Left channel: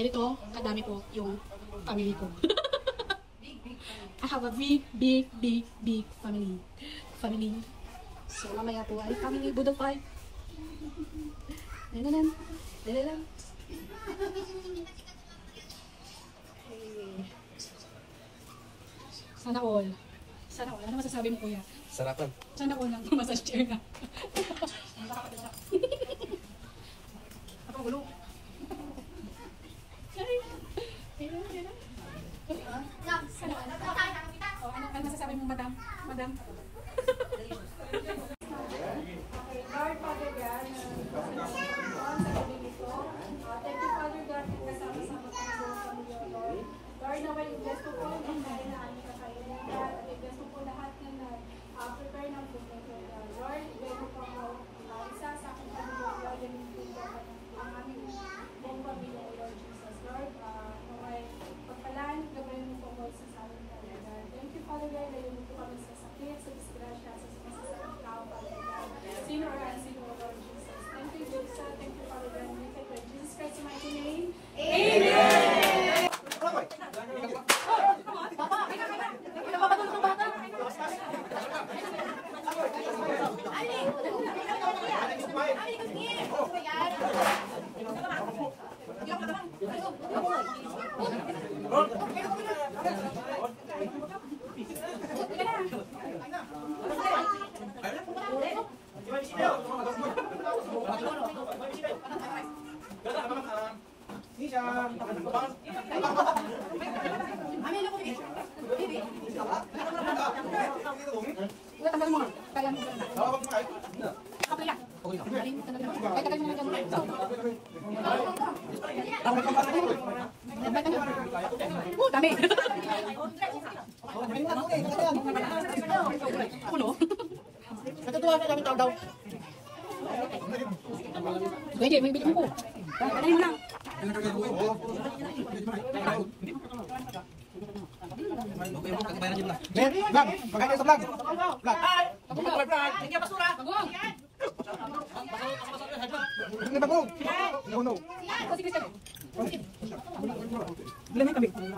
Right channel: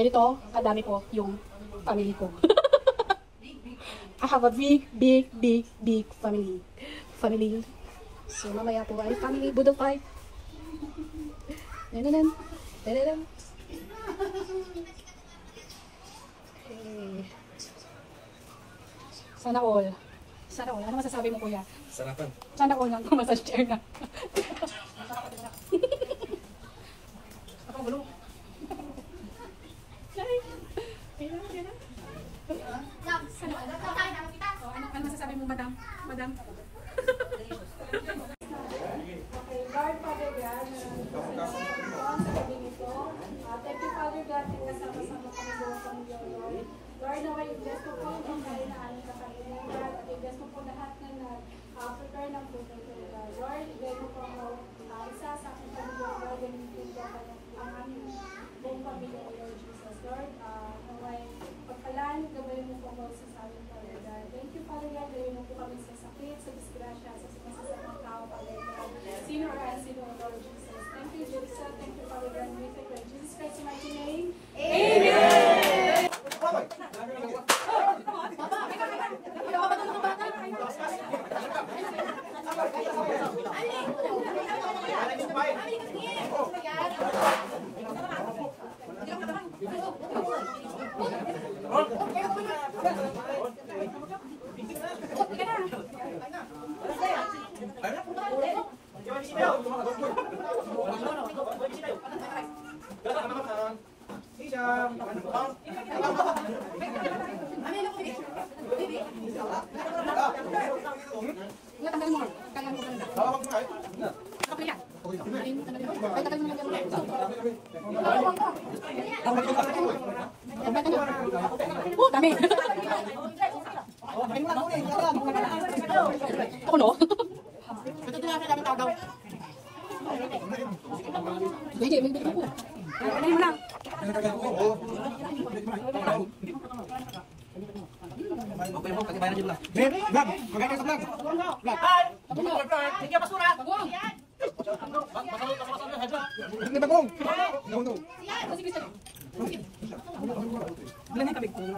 Ganito, kadami po yung family ko. I have a big family. So, mamaya po ay family Budol Fight. Okay. Sana all. Ano masasabi mo, kuya? Sarapan. Sana all lang massage chair na. Ako gulo. Ano masasabi mo, madam? Lord, Father God, thank you, Father God, at kasama-sama kami doon sa mga Lord. Lord, naway i-bless mo po ang kain na aming kakainin at i-bless mo po lahat ng prepare ng food na ito. Lord, i-bless mo po ang isa sa aking pamilya, Lord, and ang aming buong pamilya, Lord Jesus. Lord, naway pagpalaan, gabayin mo po ako sa aming Father God. Thank you, Father God, gabayin mo po kami sa sakit, sa disgrasya, sa sumasasakit tao, Father God. Sino or unseen, Lord Jesus. Thank you, Jesus. Thank you, Father God. We thank you in Jesus Christ's mighty name. Amen! Dami. Ako no? Natutuwa sa daming tao daw. Hindi, may bigyan ko. Panahin mo lang. Okay mo, katibayan din lang. Vlog! Magkakain ka sa vlog! Vlog! Hi! Vlog! Sige, basura! Bagong! Hindi bagong! No. Bilangin kami. Ano